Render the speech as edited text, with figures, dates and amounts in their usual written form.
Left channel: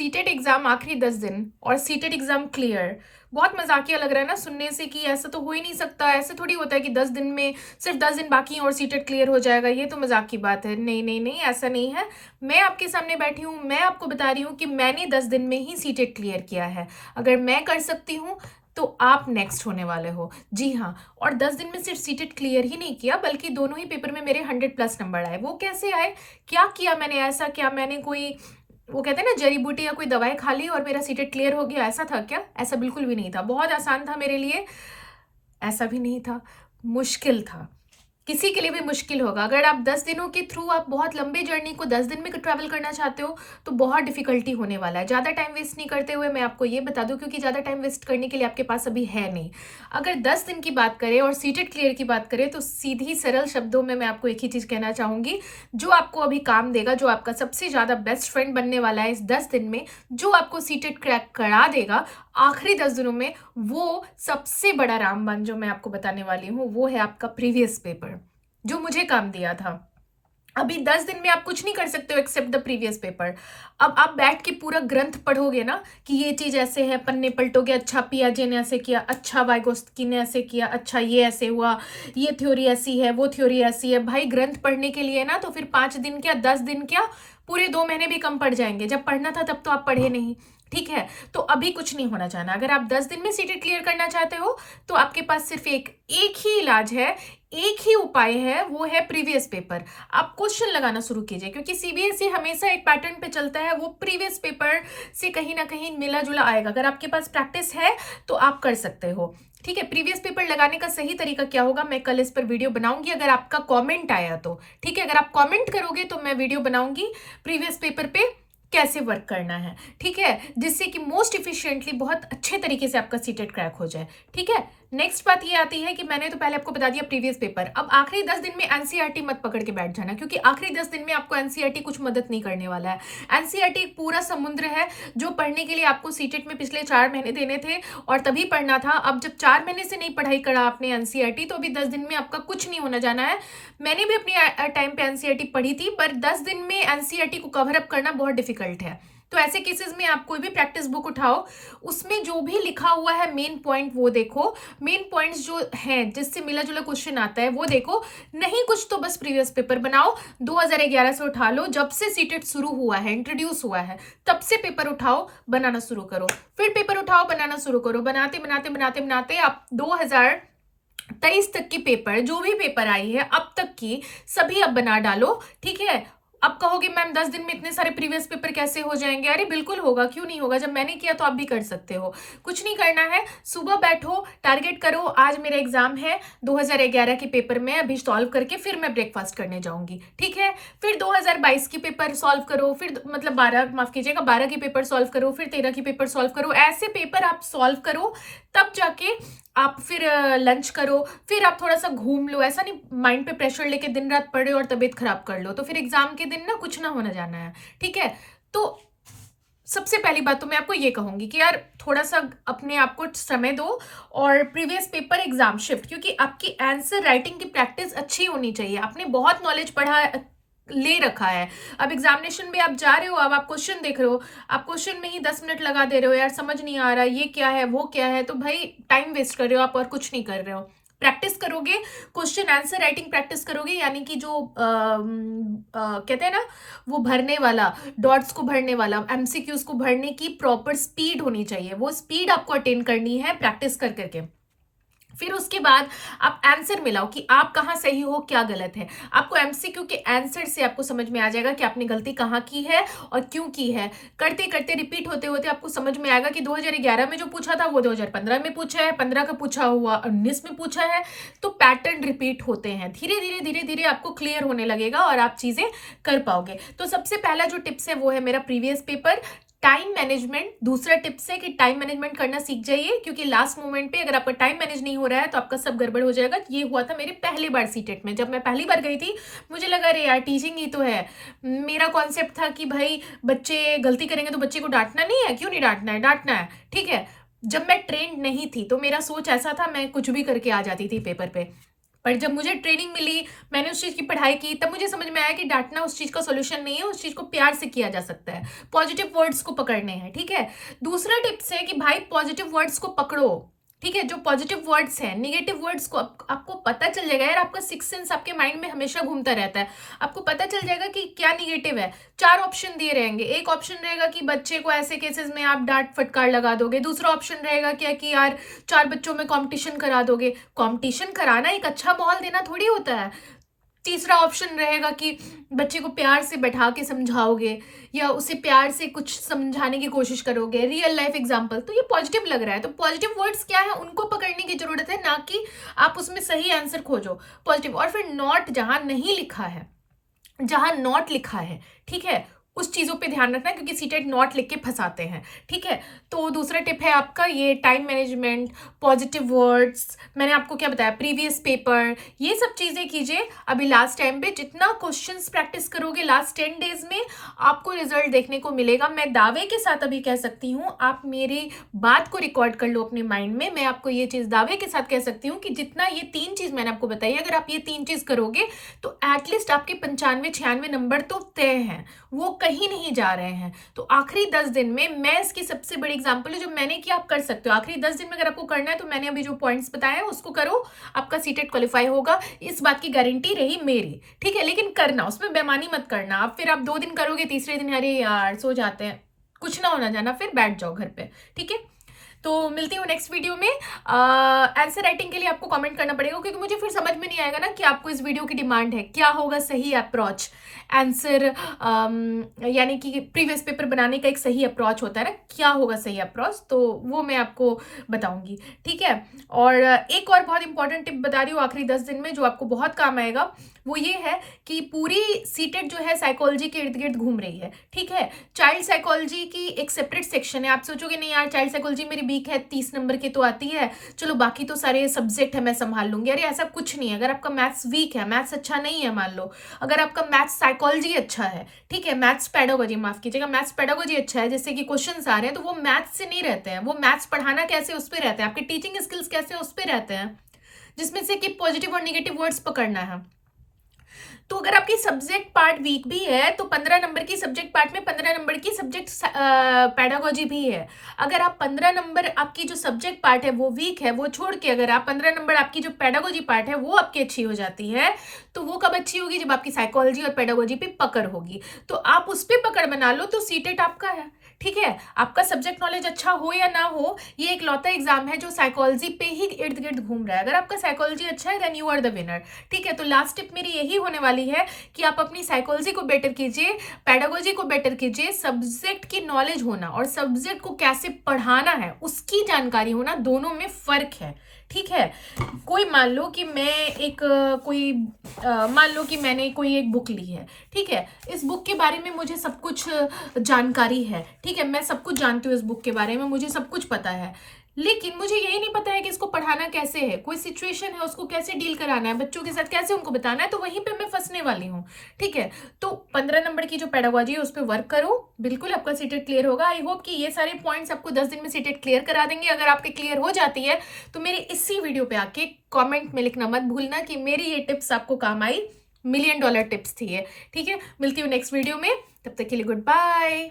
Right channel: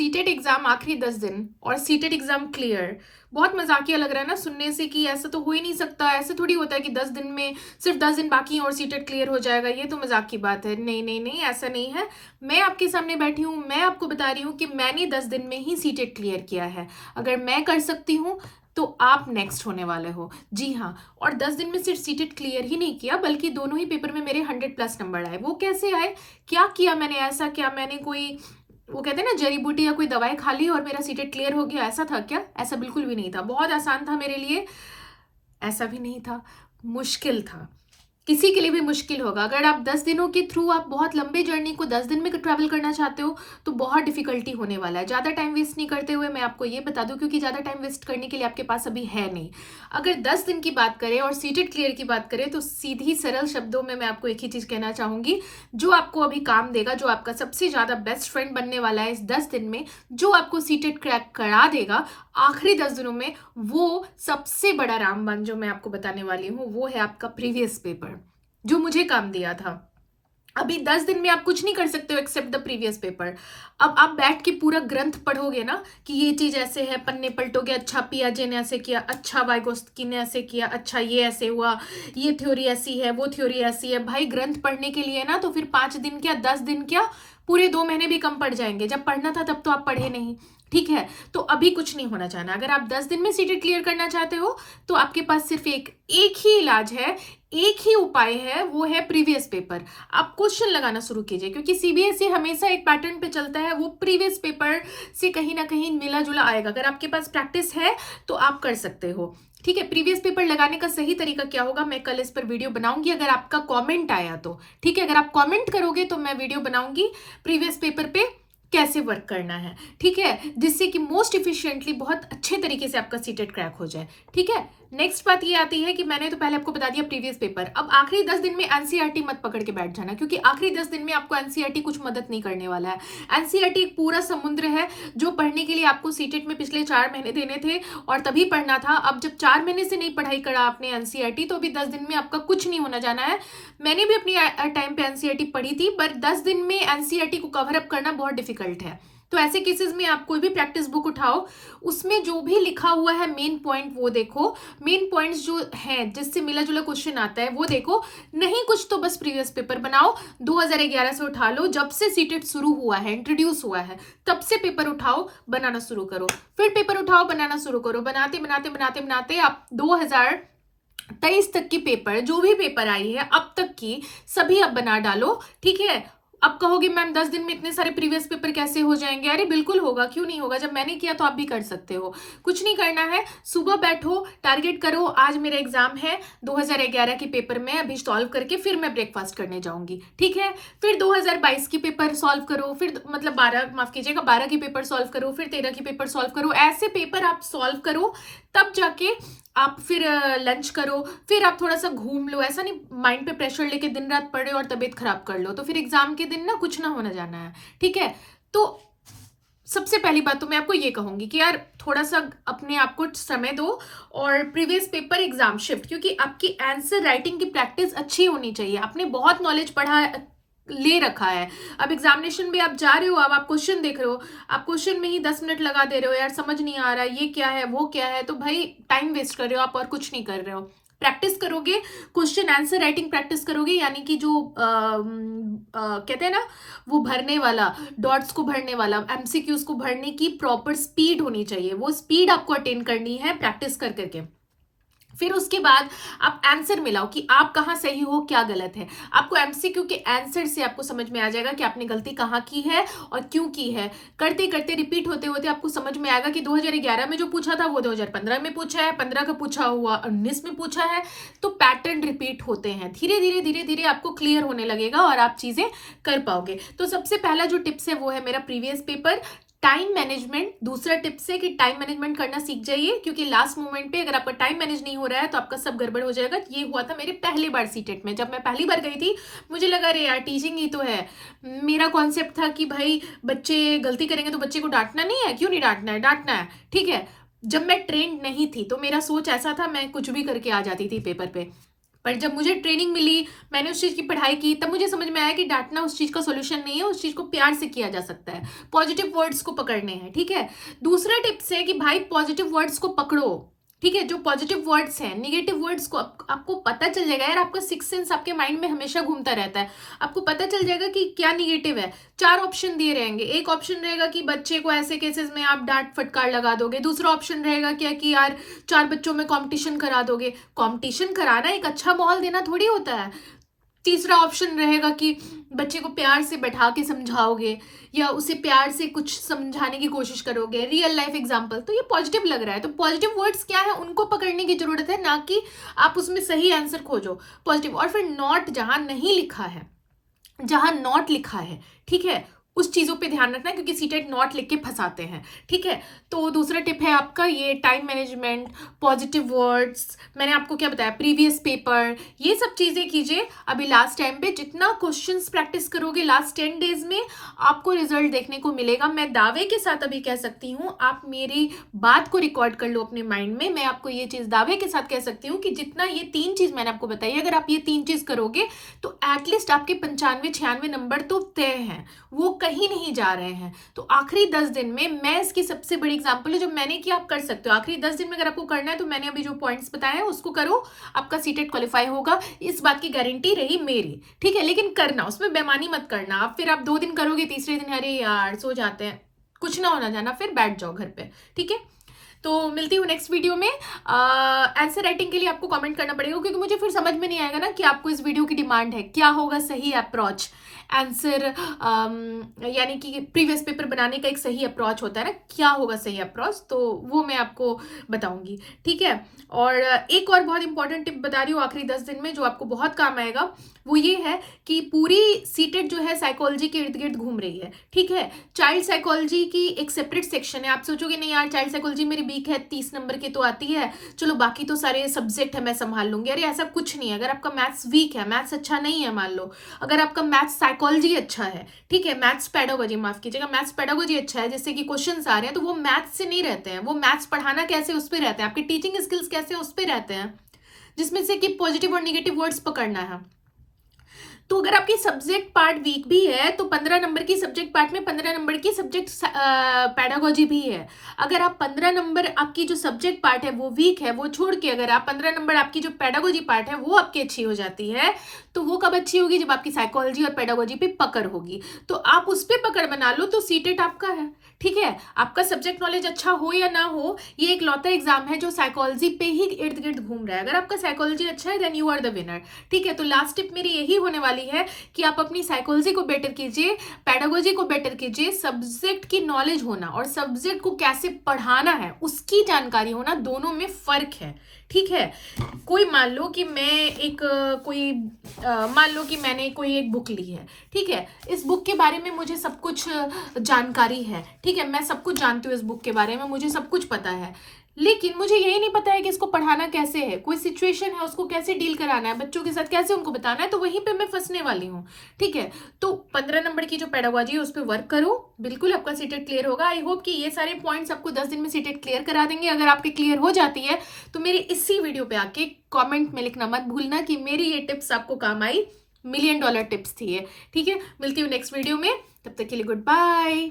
CTET exam आखिरी 10 दिन और सीटेट एग्जाम क्लियर, बहुत मजाकिया लग रहा है ना सुनने से कि ऐसा तो हो ही नहीं सकता, ऐसे थोड़ी होता है कि 10 दिन में सिर्फ 10 दिन बाकी हैं और सीटेट क्लियर हो जाएगा। ये तो मजाक की बात है। नहीं नहीं नहीं, ऐसा नहीं है। मैं आपके सामने बैठी हूँ, मैं आपको बता रही हूँ कि मैंने 10 दिन में ही सीटेट क्लियर किया है। अगर मैं कर सकती हूँ तो आप नेक्स्ट होने वाले हो। जी हाँ। और 10 दिन में सिर्फ सीटेट क्लियर ही नहीं किया, बल्कि दोनों ही पेपर में मेरे 100+ नंबर आए। वो कैसे आए? क्या किया मैंने ऐसा? क्या मैंने कोई, वो कहते हैं ना, जड़ी बूटी या कोई दवाई खा ली और मेरा सीटेट क्लियर हो गया? ऐसा था क्या? ऐसा बिल्कुल भी नहीं था। बहुत आसान था मेरे लिए? ऐसा भी नहीं था। मुश्किल था। किसी के लिए भी मुश्किल होगा। अगर आप 10 दिनों के थ्रू, आप बहुत लंबी जर्नी को 10 दिन में ट्रैवल करना चाहते हो तो बहुत डिफिकल्टी होने वाला है। ज़्यादा टाइम वेस्ट नहीं करते हुए मैं आपको ये बता दूं, क्योंकि ज़्यादा टाइम वेस्ट करने के लिए आपके पास अभी है नहीं। अगर 10 दिन की बात करें और सीटेट क्लियर की बात करें तो सीधी सरल शब्दों में मैं आपको एक ही चीज़ कहना चाहूँगी, जो आपको अभी काम देगा, जो आपका सबसे ज़्यादा बेस्ट फ्रेंड बनने वाला है इस 10 दिन में, जो आपको सीटेट क्रैक करा देगा आखिरी 10 दिनों में, वो सबसे बड़ा रामबाण जो मैं आपको बताने वाली हूँ वो है आपका प्रीवियस पेपर, जो मुझे काम दिया था। अभी 10 दिन में आप कुछ नहीं कर सकते हो एक्सेप्ट द प्रीवियस पेपर। अब आप बैठ के पूरा ग्रंथ पढ़ोगे ना कि ये चीज ऐसे है, पन्ने पलटोगे, अच्छा पियाजे ने ऐसे किया, अच्छा वाइगोस्की ने ऐसे किया, अच्छा ये ऐसे हुआ, ये थ्योरी ऐसी है, वो थ्योरी ऐसी है। भाई ग्रंथ पढ़ने के लिए ना तो फिर 5 दिन क्या, 10 दिन क्या, पूरे 2 महीने भी कम पड़ जाएंगे। जब पढ़ना था तब तो आप पढ़े नहीं। ठीक है, तो अभी कुछ नहीं होना चाहना। अगर आप 10 दिन में सीटेट क्लियर करना चाहते हो तो आपके पास सिर्फ एक एक ही इलाज है, एक ही उपाय है, वो है प्रीवियस पेपर। आप क्वेश्चन लगाना शुरू कीजिए, क्योंकि सीबीएसई हमेशा एक पैटर्न पे चलता है, वो प्रीवियस पेपर से कहीं ना कहीं मिला जुला आएगा। अगर आपके पास प्रैक्टिस है तो आप कर सकते हो। ठीक है, प्रीवियस पेपर लगाने का सही तरीका क्या होगा, मैं कल इस पर वीडियो बनाऊंगी, अगर आपका कमेंट आया तो। ठीक है, अगर आप कमेंट करोगे तो मैं वीडियो बनाऊंगी प्रीवियस पेपर पे कैसे वर्क करना है। ठीक है, जिससे कि मोस्ट इफिशिएंटली, बहुत अच्छे तरीके से आपका सीटेट क्रैक हो जाए। ठीक है, नेक्स्ट बात ये आती है कि मैंने तो पहले आपको बता दिया प्रीवियस पेपर। अब आखिरी 10 दिन में एनसीईआरटी मत पकड़ के बैठ जाना, क्योंकि आखिरी 10 दिन में आपको एनसीईआरटी कुछ मदद नहीं करने वाला है। एनसीईआरटी एक पूरा समुद्र है, जो पढ़ने के लिए आपको सीटेट में पिछले 4 महीने देने थे और तभी पढ़ना था। अब जब 4 महीने से नहीं पढ़ाई करा आपने एनसीईआरटी, तो अभी 10 दिन में आपका कुछ नहीं होना जाना है। मैंने भी अपनी टाइम पे एनसीईआरटी पढ़ी थी, पर 10 दिन में एनसीईआरटी को कवर अप करना बहुत डिफिकल्ट है। तो ऐसे केसेस में आप कोई भी प्रैक्टिस बुक उठाओ, उसमें जो भी लिखा हुआ है मेन पॉइंट वो देखो, मेन पॉइंट्स जो हैं जिससे मिला जुला क्वेश्चन आता है वो देखो। नहीं कुछ तो बस प्रीवियस पेपर बनाओ, 2011 से उठा लो, जब से सीटेट शुरू हुआ है, इंट्रोड्यूस हुआ है, तब से पेपर उठाओ, बनाना शुरू करो। फिर पेपर उठाओ, बनाना शुरू करो, बनाते बनाते बनाते बनाते आप 2023 तक की पेपर, जो भी पेपर आई है अब तक की, सभी अब बना डालो। ठीक है, अब कहोगे मैम 10 दिन में इतने सारे प्रीवियस पेपर कैसे हो जाएंगे? अरे बिल्कुल होगा, क्यों नहीं होगा। जब मैंने किया तो आप भी कर सकते हो। कुछ नहीं करना है, सुबह बैठो, टारगेट करो, आज मेरा एग्जाम है 2011 के पेपर में, अभी सॉल्व करके फिर मैं ब्रेकफास्ट करने जाऊंगी। ठीक है, फिर 2022 की पेपर सॉल्व करो, फिर मतलब 12, माफ कीजिएगा, 12 की पेपर सॉल्व करो, फिर 13 की पेपर सॉल्व करो। ऐसे पेपर आप सॉल्व करो, तब जाके आप फिर लंच करो, फिर आप थोड़ा सा घूम लो। ऐसा नहीं माइंड पे प्रेशर लेके दिन रात पढ़े और तबीयत खराब कर लो, तो फिर एग्जाम के दिन ना कुछ ना होना जाना है। ठीक है, तो सबसे पहली बात तो मैं आपको ये कहूंगी कि यार थोड़ा सा अपने आप को समय दो और प्रीवियस पेपर एग्जाम शिफ्ट, क्योंकि आपकी आंसर राइटिंग की प्रैक्टिस अच्छी होनी चाहिए। आपने बहुत नॉलेज पढ़ा ले रखा है, अब एग्जामिनेशन में आप जा रहे हो, अब आप क्वेश्चन देख रहे हो, आप क्वेश्चन में ही 10 मिनट लगा दे रहे हो, यार समझ नहीं आ रहा ये क्या है वो क्या है, तो भाई टाइम वेस्ट कर रहे हो आप और कुछ नहीं कर रहे हो। प्रैक्टिस करोगे, क्वेश्चन आंसर राइटिंग प्रैक्टिस करोगे, यानी कि जो कहते हैं ना, वो भरने वाला, डॉट्स को भरने वाला, एमसीक्यूज को भरने की प्रॉपर स्पीड होनी चाहिए। वो स्पीड आपको अटेन करनी है प्रैक्टिस कर करके। फिर उसके बाद आप आंसर मिलाओ कि आप कहाँ सही हो, क्या गलत है। आपको एमसीक्यू के आंसर से आपको समझ में आ जाएगा कि आपने गलती कहाँ की है और क्यों की है। करते करते रिपीट होते होते आपको समझ में आएगा कि 2011 में जो पूछा था वो 2015 में पूछा है, 15 का पूछा हुआ 19 में पूछा है। तो पैटर्न रिपीट होते हैं, धीरे धीरे धीरे धीरे आपको क्लियर होने लगेगा और आप चीजें कर पाओगे। तो सबसे पहला जो टिप्स है वो है मेरा प्रीवियस पेपर, टाइम मैनेजमेंट। दूसरा टिप्स है कि टाइम मैनेजमेंट करना सीख जाइए, क्योंकि लास्ट मोमेंट पे अगर आपका टाइम मैनेज नहीं हो रहा है तो आपका सब गड़बड़ हो जाएगा। ये हुआ था मेरे पहली बार सीटेट में। जब मैं पहली बार गई थी मुझे लगा अरे यार टीचिंग ही तो है। मेरा कॉन्सेप्ट था कि भाई बच्चे गलती करेंगे तो बच्चे को डांटना नहीं है, क्यों नहीं डांटना है, डांटना है। ठीक है, जब मैं ट्रेंड नहीं थी तो मेरा सोच ऐसा था, मैं कुछ भी करके आ जाती थी पेपर पे। पर जब मुझे ट्रेनिंग मिली, मैंने उस चीज़ की पढ़ाई की, तब मुझे समझ में आया कि डांटना उस चीज़ का सॉल्यूशन नहीं है, उस चीज़ को प्यार से किया जा सकता है, पॉजिटिव वर्ड्स को पकड़ने हैं, ठीक है। दूसरा टिप्स है कि भाई पॉजिटिव वर्ड्स को पकड़ो, ठीक है। जो पॉजिटिव वर्ड्स हैं, निगेटिव वर्ड्स को आपको पता चल जाएगा यार, आपका सिक्स सेंस आपके माइंड में हमेशा घूमता रहता है, आपको पता चल जाएगा कि क्या निगेटिव है। 4 ऑप्शन दिए रहेंगे, एक ऑप्शन रहेगा कि बच्चे को ऐसे केसेस में आप डांट फटकार लगा दोगे, दूसरा ऑप्शन रहेगा क्या कि यार 4 बच्चों में कंपटीशन करा दोगे। कंपटीशन कराना एक अच्छा माहौल देना थोड़ी होता है। तीसरा ऑप्शन रहेगा कि बच्चे को प्यार से बैठा के समझाओगे या उसे प्यार से कुछ समझाने की कोशिश करोगे, रियल लाइफ एग्जांपल। तो ये पॉजिटिव लग रहा है, तो पॉजिटिव वर्ड्स क्या है उनको पकड़ने की जरूरत है, ना कि आप उसमें सही आंसर खोजो पॉजिटिव। और फिर नॉट जहां नहीं लिखा है, जहां नॉट लिखा है, ठीक है, उस चीजों पे ध्यान रखना, क्योंकि सीटेट नॉट लिख के फंसाते हैं, ठीक है। तो दूसरा टिप है आपका ये टाइम मैनेजमेंट, पॉजिटिव वर्ड्स, मैंने आपको क्या बताया, प्रीवियस पेपर, ये सब चीजें कीजिए अभी लास्ट टाइम पे। जितना क्वेश्चंस प्रैक्टिस करोगे लास्ट 10 डेज में, आपको रिजल्ट देखने को मिलेगा। मैं दावे के साथ अभी कह सकती हूँ, आप मेरी बात को रिकॉर्ड कर लो अपने माइंड में, मैं आपको ये चीज दावे के साथ कह सकती हूँ कि जितना ये 3 चीज मैंने आपको बताई, अगर आप ये 3 चीज करोगे तो एटलीस्ट आपके 95-96 नंबर तो तय हैं, वो कहीं नहीं जा रहे हैं। तो आखिरी 10 दिन में, मैं इसकी सबसे बड़ी एग्जांपल है, जो मैंने किया आप कर सकते हो। आखिरी 10 दिन में अगर आपको करना है तो मैंने अभी जो पॉइंट्स बताए हैं उसको करो, आपका सीटेट क्वालिफाई होगा, इस बात की गारंटी रही मेरी, ठीक है। लेकिन करना, उसमें बेईमानी मत करना। आप फिर आप 2 दिन करोगे, तीसरे दिन अरे यार सो जाते हैं, कुछ ना होना जाना, फिर बैठ जाओ घर पे, ठीक है। तो मिलती हूँ नेक्स्ट वीडियो में। आंसर राइटिंग के लिए आपको कमेंट करना पड़ेगा, क्योंकि मुझे फिर समझ में नहीं आएगा ना कि आपको इस वीडियो की डिमांड है, क्या होगा सही अप्रोच आंसर, यानी कि प्रीवियस पेपर बनाने का एक सही अप्रोच होता है ना, क्या होगा सही अप्रोच, तो वो मैं आपको बताऊंगी, ठीक है। और एक और बहुत इंपॉर्टेंट टिप बता रही हूँ आखिरी 10 दिन में, जो आपको बहुत काम आएगा, वो ये है कि पूरी सीटेट जो है साइकोलॉजी के इर्द गिर्द घूम रही है, ठीक है। चाइल्ड साइकोलॉजी की एक सेपरेट सेक्शन है। आप सोचोगे नहीं यार चाइल्ड साइकोलॉजी मेरी वीक है, 30 नंबर की तो आती है, चलो बाकी तो सारे सब्जेक्ट है मैं संभाल लूंगी। अरे ऐसा कुछ नहीं है। अगर आपका मैथ्स वीक है, मैथ्स अच्छा नहीं है मान लो, अगर आपका मैथ्स साइकोलॉजी अच्छा है, ठीक है, मैथ्स पेडागोजी, माफ कीजिएगा, मैथ्स पेडागोजी अच्छा है, जैसे कि क्वेश्चंस आ रहे हैं, तो वो मैथ्स से नहीं रहते हैं, वो मैथ्स पढ़ाना कैसे उस पर रहते हैं, आपके टीचिंग स्किल्स कैसे उस पर रहते हैं, जिसमें से कि पॉजिटिव और निगेटिव वर्ड्स पकड़ना है। तो अगर आपकी सब्जेक्ट पार्ट वीक भी है तो 15 नंबर की सब्जेक्ट पार्ट में 15 नंबर की सब्जेक्ट पैडागोजी भी है। अगर आप 15 नंबर आपकी जो सब्जेक्ट पार्ट है वो वीक है, वो छोड़ के अगर आप 15 नंबर आपकी जो पैडागोजी पार्ट है वो आपकी अच्छी हो जाती है, तो वो कब अच्छी होगी, जब आपकी साइकोलॉजी और पैडागोजी पे पकड़ होगी। तो आप उस पर पकड़ बना लो तो सीटेट आपका है, ठीक है। आपका सब्जेक्ट नॉलेज अच्छा हो या ना हो, ये एक लौता एग्जाम है जो साइकोलॉजी पे ही इर्द गिर्द घूम रहा है। अगर आपका साइकोलॉजी अच्छा है then you are the winner, ठीक है। तो लास्ट टिप मेरी यही होने वाली है कि आप अपनी साइकोलॉजी को बेटर कीजिए, पैडागोजी को बेटर कीजिए, सब्जेक्ट की नॉलेज होना और सब्जेक्ट को कैसे पढ़ाना है उसकी जानकारी होना, दोनों में फर्क है, ठीक है। कोई मान लो कि मैं एक मान लो कि मैंने कोई एक बुक ली है, ठीक है, इस बुक के बारे में मुझे सब कुछ जानकारी है, ठीक है, मैं सब कुछ जानती हूँ इस बुक के बारे में, मुझे सब कुछ पता है, लेकिन मुझे यही नहीं पता है कि इसको पढ़ाना कैसे है, कोई सिचुएशन है उसको कैसे डील कराना है, बच्चों के साथ कैसे उनको बताना है, तो वहीं पे मैं फंसने वाली हूँ, ठीक है। तो 15 नंबर की जो पेडागोजी है उस पर वर्क करो, बिल्कुल आपका सीटेट क्लियर होगा। आई होप कि ये सारे पॉइंट्स आपको 10 दिन में सीटेट क्लियर करा देंगे। अगर आपके क्लियर हो जाती है तो मेरे इसी वीडियो पे आके कॉमेंट में लिखना मत भूलना कि मेरी ये टिप्स आपको काम आई, $1,000,000 टिप्स थी ये, ठीक है। मिलती हूँ नेक्स्ट वीडियो में, तब तक के लिए गुड बाय।